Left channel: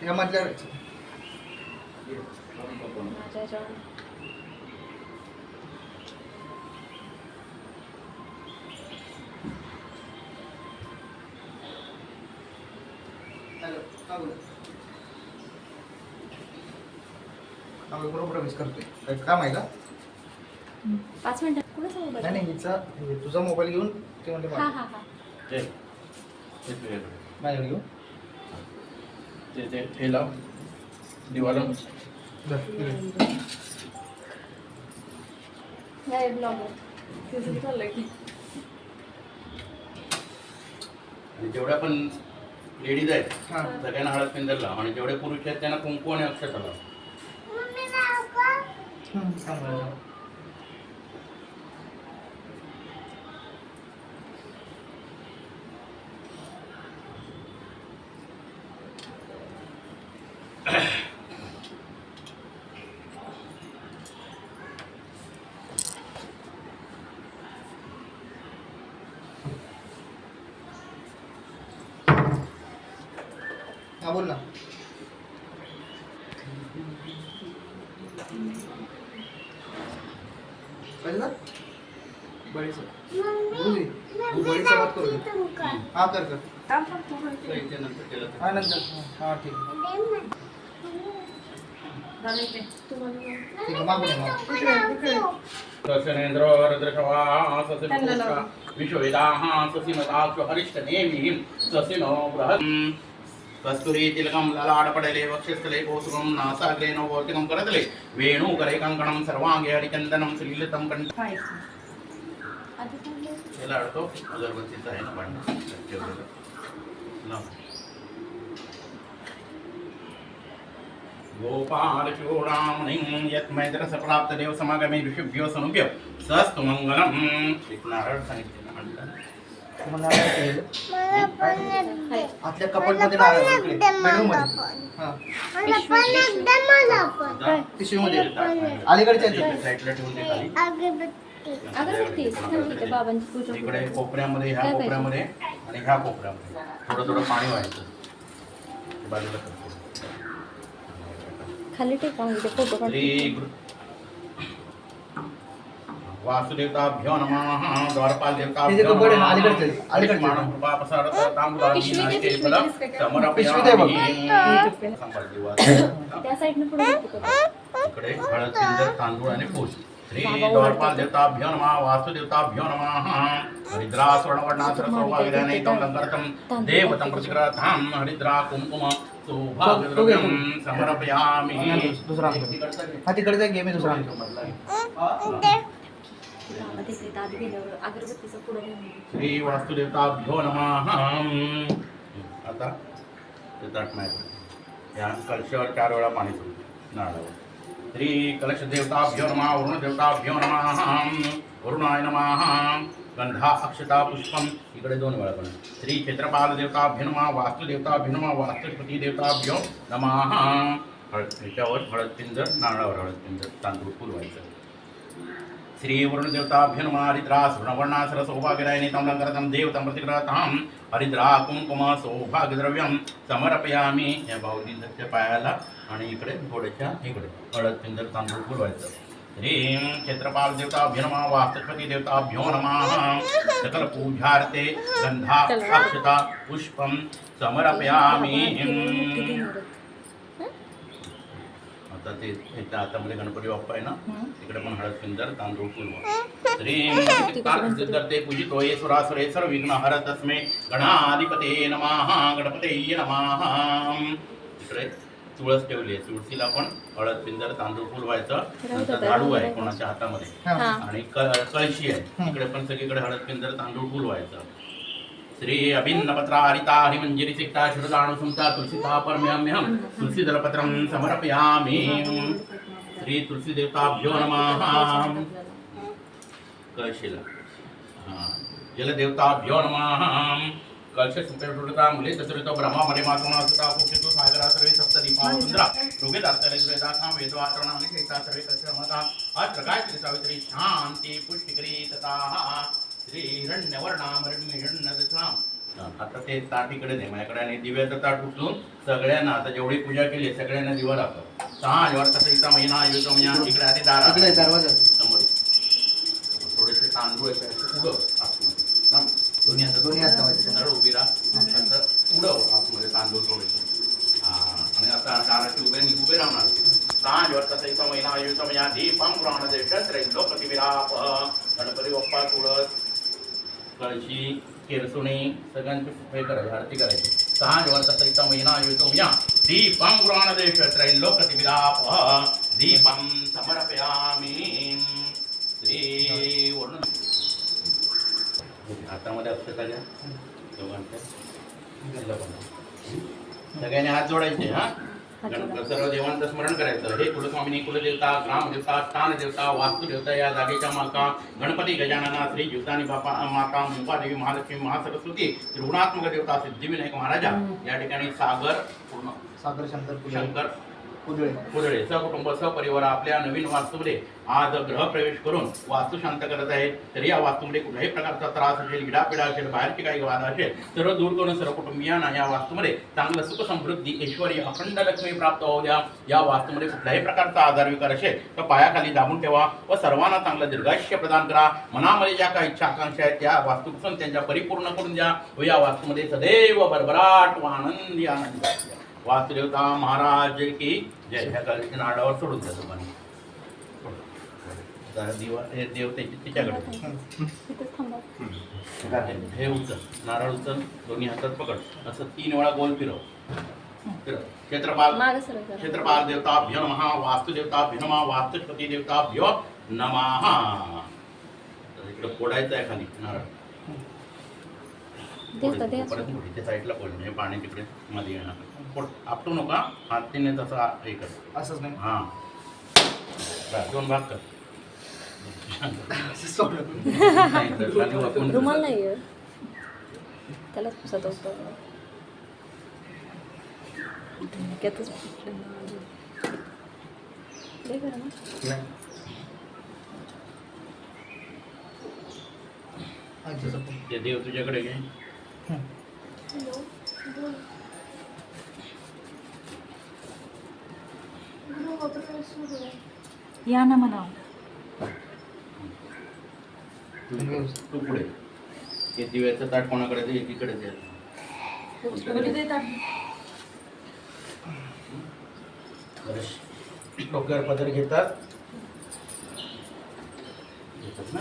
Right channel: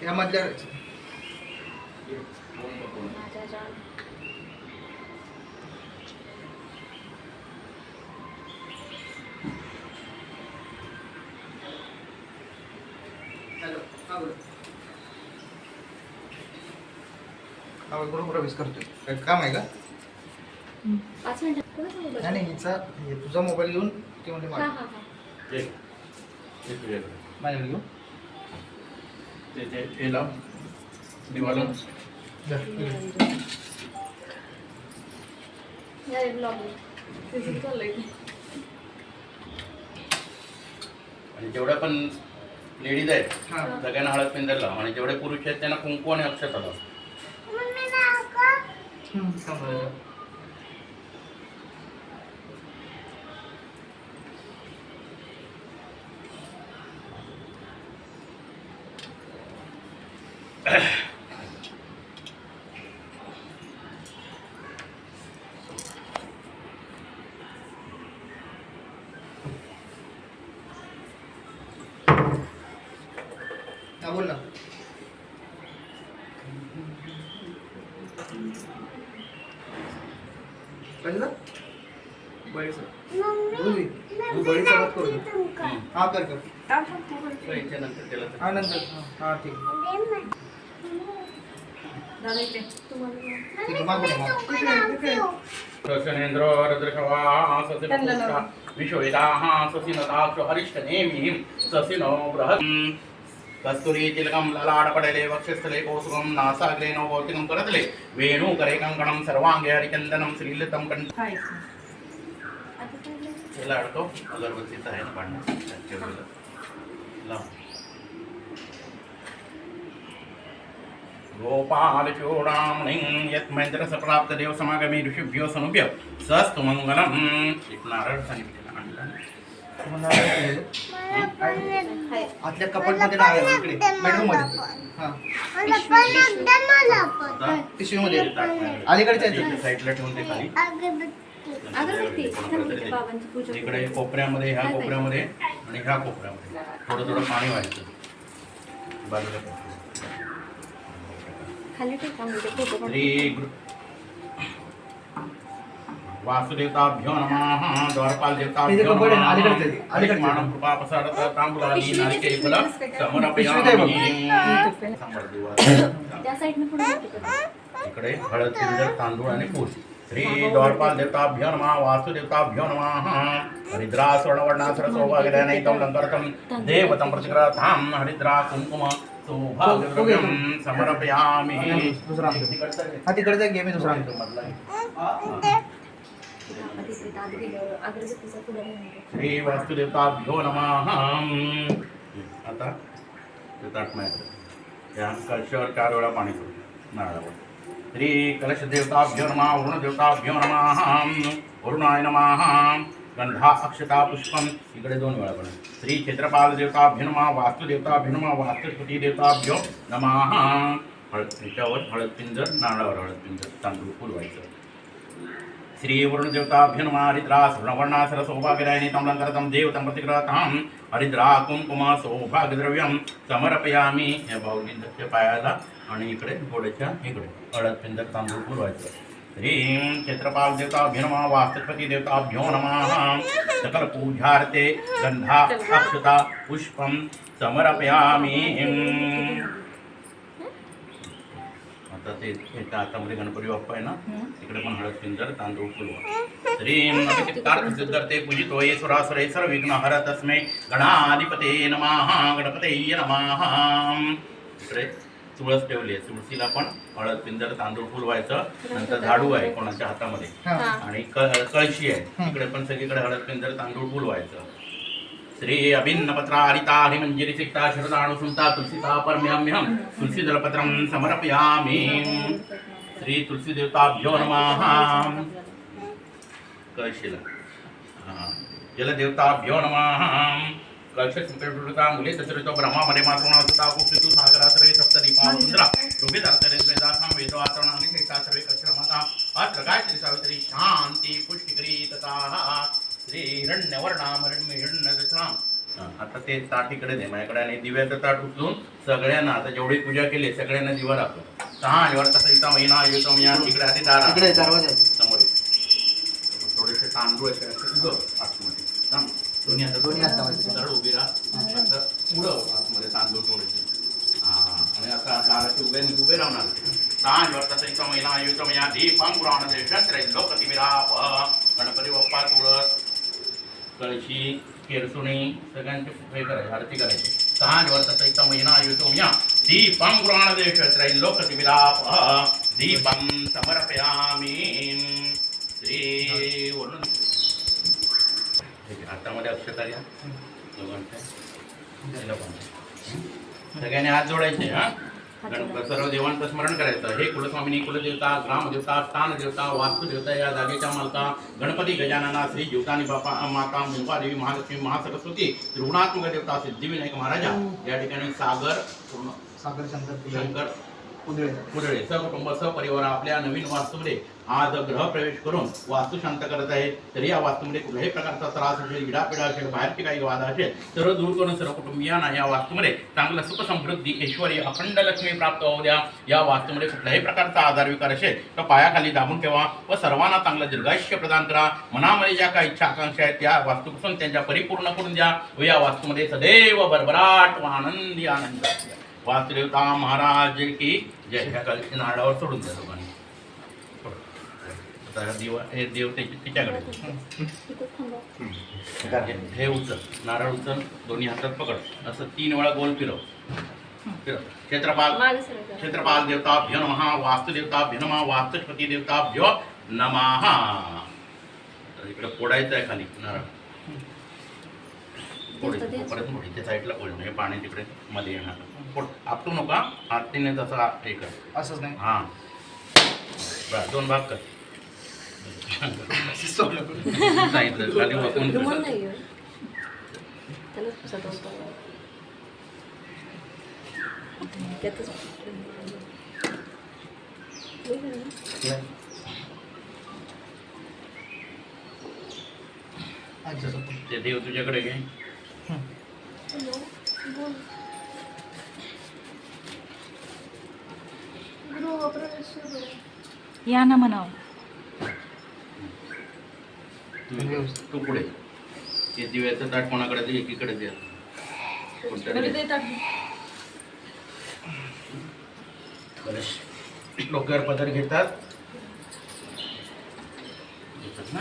ह्या मधल्या बरोबर प्रवेश करतोय. काय काम आहे का? 5 मिनिटं कोणाचा मोबाईल? नाही नाही, हिचा तुझा मोबाईल घेऊन ते म्हणते हां हां हां. माझ्याकडे घेऊन ते लाव दिवाला नाही ब्लॉग तिचं चाललंय की. आणि जेवढ्या पण लेडीज आहेत हां सगळ्यांना हळद पिंजरला आणि जेवढे पुरुष आहेत त्यांना कुंकू आणि अक्षता लाव. चांगलं. हा बोल ना. कसं बडीचं बोलली तू बडीचा बात करू दे. हा कर कर. याच्या नंतर त्याला हा नंतर हा ठीक ठीक आहे. मागून ये, मागून. ससेनेंद्र रद्रशवा ससिनोषा विश्ववेदाः ससिनदाक्ष हरिष्ठनेमिः ससिनो बृहत् कस्तुरी तिलकं ललाटपटले वक्षस्थले कौसुकं नासाग्रे नवभौतिकं करतले वेणुकरे कङ्कणं सर्वाङ्गे हरिचन्दनं श्रीलितं कंठ. याला अडतो अगरबत्तीचा आहे ना भांडण त्याच्यावर लाव. गोपालचूडामणिं यत्मैत्रसप्राप्तदेव समागमे ऋषिभ्यो सनुभ्य सस्तु मंगलम्. एक नारळ सांगितलेला आणला. आतल्या कपाटमध्ये नारळ इकडे बेडरूम मध्ये. हा पिशवीमध्ये अलीकडच्या साईडला ठेवून दे खाली. अगरबत्ती थांबते बाबांची पूजा. इकडे कोपऱ्यामध्ये ह्या कोपऱ्यामध्ये आणि ह्या कोपऱ्यामध्ये थोडं थोडं पाणी व्हायचं बाजूला कर. खाली टेका म्हणजे फोटो काढ. श्री वासुदेवताभ्यो नमः. द्वारपाल देवताभ्यो नमः. मानव कृपा प्रसारत तांबूलानी नारिकेल फल समर्पयामि. सांभाळ देवा. त्या साइडने पुढे इकडे हळद पिंजर तांदूळ आणि फूल. श्री द्वारपाल देवताभ्यो नमः. वासुदेवताभ्यो नमः. हरिद्रा स्वर्णवर्णासर सौभाग्यदायितं लंकरतं देवतं प्रतिग्रहां हरिद्रा कुंकुम सौभाग्यद्रव्यं समर्पयामि. दुसरा हा तिकडचा घे, मी दुसरा आणतो. अगरबत्तीचा पुढे श्री वास्तुदेवताभ्यो नमः. आता ते ताट माझ्याकडे या कलशावर 4 वेळा पाणी करू नारळावर. श्री कलशदेवताभ्यो नमः. वरुणदेवताभ्यो नमः. वरुणाय नमः. गंधा अक्षता पुष्पम. इकडे 2 वेळा पण. श्री क्षेत्रपाल देवताभ्यो नमः. वास्तुदेवताभ्यो नमः. वास्तुपती देवताभ्यो नमः. याच्यावर हळद पिंजर, नारळावर हळद पिंजर, तांदूळ फुलवायचं. श्री वरुणदेवताभ्यो नमः. हरिद्रा स्वर्णवर्णासर सौभाग्यदायिनी तमलंकरतं देवतं प्रतिग्रहां हरिद्रा कुंकुम सौभाग्यद्रव्यं समर्पयामि. या भाऊजीच्या पायाला आणि इकडे घोड्याच्या इकडे हळद पिंजर, तांदूळ फुलवायचं. श्रीं क्षेत्रपाल देवताभ्यो नमः. वास्तुपती देवताभ्यो नमः. सकल पूजार्थे गंधा अक्षता पुष्पं समर्पयामि. आता ते एका हातामध्ये गणपती बाप्पा आहे ना, तिकडे पण हळद पिंजर, तांदूळ फुलवा. श्रीं करते पूजित होये सुरासुरे सर्व विघ्न हर तस्मै गणाधिपते नमः. गणपतये नमः. इकडे तुळस ठेवली आहे, तुळशीला पण हळद पिंजर, तांदूळ फुलवायचं. नंतर झाडू आहे कोणाच्या हातामध्ये आणि कळशी आहे, तिकडे पण सगळीकडे हळद पिंजर, तांदूळ फुलवायचं. श्री अभिन्न पत्रा हरिता हरिमंजिरी सिक्ता शरदाणुसुता तुलसीता परम्याम्यहं तुलसी जलपत्रं समर्पयामि. श्री तुलसी देवताभ्यो नमः. कळशीला जलदेवताभ्यो नमः. कलश संकल्पता मुले तसरितो ब्रह्मा मरे मातृणा सुता कुक्षितु सागरा सर्वे सप्तदीपावृंद्रा रुबे दास्तरे वेदासां वेदो आचरणानि शेषा सर्वे कक्षरमता अत्र गायत्री सावित्री शांती पुष्टिकरी तथा श्री हिरण्यवर्णां हिरण्यदक्षिणां आता ते ताट इकडे दे माझ्याकडे आणि दिव्याचं ताट उचलून सगळ्यांना आता जेवढी पूजा केली आहे सगळ्यांना दिवा दाखव. वर तसं इथं महिना येतो महिना इकडे आधी दारा तिकडे दरवाजा आहे. समोर ये. थोडेसे तांदूळ आहेत असे उडव आतमध्ये. थांब. दोन्ही दोन्ही हात लावायचे. सरळ उभी राहा असं उडव आतमध्ये तांदूळ थोडेसे. आणि आता दाराचे उभे राहणार. वर तसं इथं महिना येतो महिना दीपं पुराण देशात लोकप्रतिविराप गणपती बाप्पा तुळस कळशी केरसुणी सगळ्यांची हे करायची आरती करायची. वर तसं इथं महिना येतो महिना दीपं पुराण देशात लोकप्रतिविराप दीपं समर्पयामि श्री वरुण. हातामध्ये अक्षता घ्या दोघांच्या. सगळ्यांनी हात जोडायचे. सर्व देवांचं स्मरण करायचं. हे कुलस्वामिनी कुलदेवता ग्रामदेवता स्थानदेवता वास्तुदेवता या जागेच्या मालका गणपती गजानना श्री जीवतानी बापा माता मुंबादेवी महालक्ष्मी महासरस्वती त्रिगुणात्मक देवता सिद्धिविनायक महाराजा या ठिकाणी सागर शंकर कुदळे सहकुटुंब सहपरिवार आपल्या नवीन वास्तूमध्ये आज ग्रहप्रवेश करून वास्तू शांत करत आहेत. तर या वास्तूमध्ये कुठल्याही प्रकारचा त्रास असेल इडापिडा असेल बाहेरची काही वाद असेल सर्व दूर करून सर्व कुटुंबियांना या वास्तूमध्ये चांगलं सुख समृद्धी ऐश्वर्य अखंड लक्ष्मी प्राप्त होऊ द्या. या वास्तूमध्ये कुठल्याही प्रकारचा आजार विकार असेल तर पायाखाली दाबून ठेवा व सर्वांना चांगलं दीर्घायुष्य प्रदान करा. मनामध्ये ज्या काही इच्छा आकांक्षा आहेत त्या वास्तूपासून त्यांच्या परिपूर्ण करून द्या व या वास्तूमध्ये सदैव भरभराट व आनंदी आनंद. वासुदेवता महाराज की जय. ह्या कलशी नारळावर सोडून द्या दोघांनी. दिवा हे देव त्याची तिच्याकडे हे उचल नारळ उचल दोन्ही हातात पकड असं 3 वेळा गोल फिरव. क्षेत्रपाल देवताभ्यो नमः वास्तुदेवताभ्यो नमः वास्तुपती देवताभ्यो नमः. इकडे फोडायचं आहे खाली नारळ. परत मोठीच्या साईडला पोळ म्हणजे पाणी तिकडे मध्ये येणार. पोट आपटू नका हातीने तसं हे कर असंच नाही. हां बरं 2 भाग कर. सांगितलं खाली वाकून त्याला ते देव तुझ्याकडे घे. या ना म्हणावं. तू पुढे ते दिव्याचं ताट कोणाकडे दे एकीकडे दे. डोक्यावर पदर घेतात ना.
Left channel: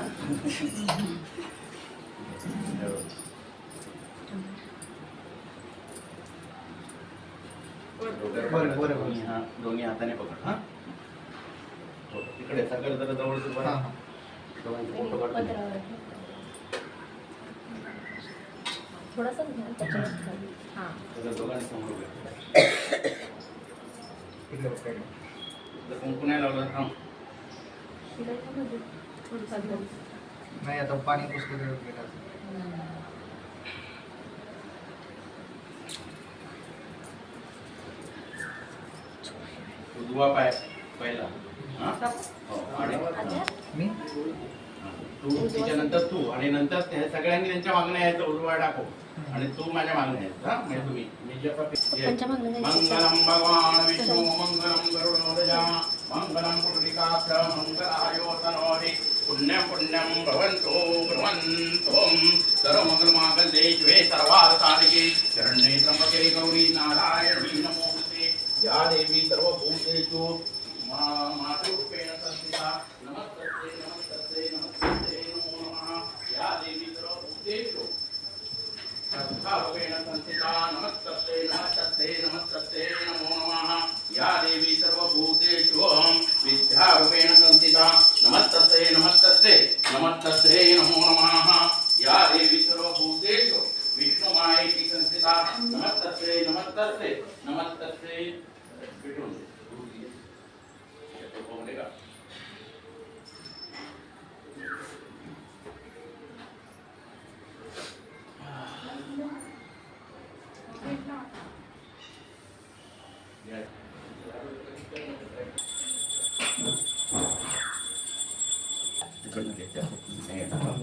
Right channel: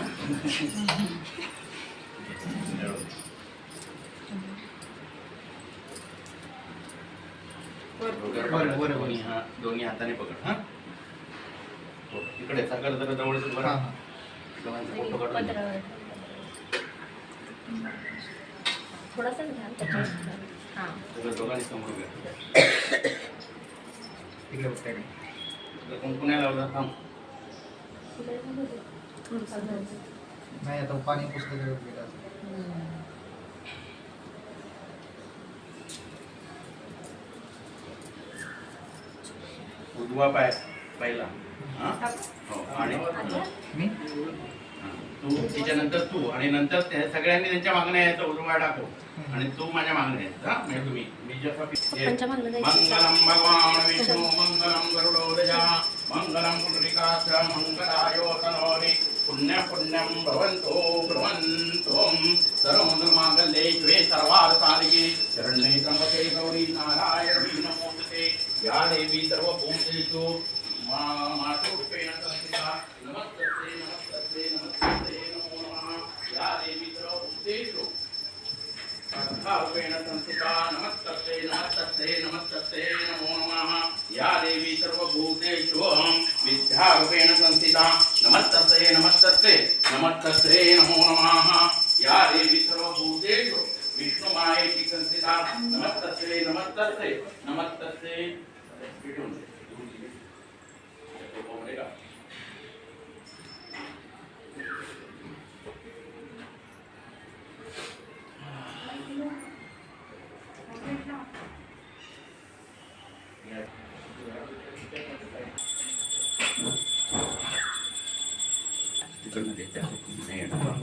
दोन्ही हाताने पकड. हा इकडे सागर जरा जवळ थोडासा दोघांनी समोर कुंकुण्या लावला. थांब नाही आता पाणी पुस्तक उजवा पाय पहिला. आणि मी तू त्याच्यानंतर तू आणि नंतर सगळ्यांनी त्यांच्या मागण्या यायचं उजवा टाकू आणि तू माझ्या मागण्या आहेत. हा म्हणजे तुम्ही मंगलम भगवान विष्णू मंगलम गरुडोदया मंगलम पुंडरीकाक्ष मंगलायो तनोहरि पुण्यं पुण्यं भवन्तो ब्रह्मन्तोम सर्वमंगलमांगल्ये शिवे सर्वार्थसाधिके शरण्ये त्र्यंबके गौरी नारायणी नमोस्तुते. या देवी सर्वभूतेषु मातृरूपेण संस्थिता नमस्तस्ते नमस्तस्ते नमस्तस्ते नमो नमः. या देवी सर्वभूतेषु रूपेण संस्थिता नमस्तस्ते नमस्तस्ते नमस्तस्ते नमो नमः. या देवी सर्वभूतेषु विद्यारूपेण संस्थिता नमस्तस्ते नमस्तस्ते नमस्तस्ते नमो नमः. या देवी सर्वभूतेषु विष्णुमायेति संस्थिता नमस्तस्ते नमस्तस्ते नमस्तस्ते.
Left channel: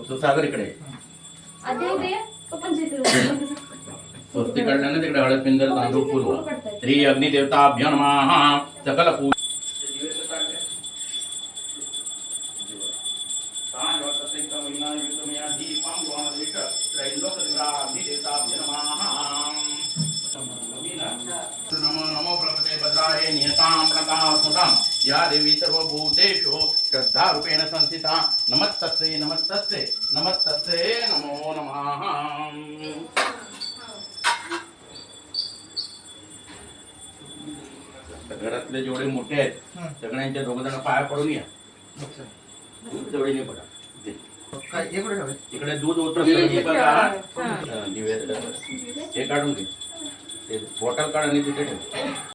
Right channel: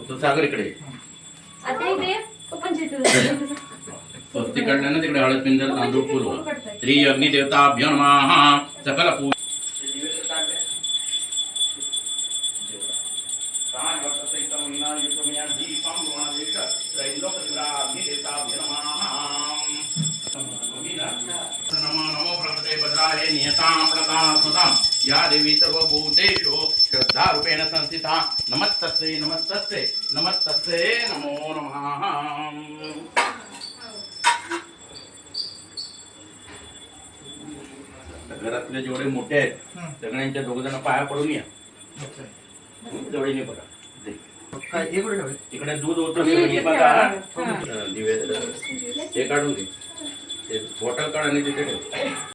तू सागर इकडे आता इथे ओपन ते काढल्यानं तिकडे हळद पिंजर तांदूळ फुलवा. श्री अग्निदेवताभ्यो नमः. सकल पूजा नमो नमो प्रभते भद्राय नियतां प्रकाशतां या देवी सर्वभूतेषु श्रद्धारूपेण संस्थिता. नमस्तस्यै नमस्तस्यै नमस्तस्यै नमो नमः. घरातले जेवढे मोठे आहेत सगळ्यांच्या दोघ जण पाया पडून या. जवळीने पडा. काय हे कुठे ठेवले? इकडे दूध होतं सगळी बघा. दिवे हे काढून घे. ते बॉटल काढ आणि तिथे ठेव.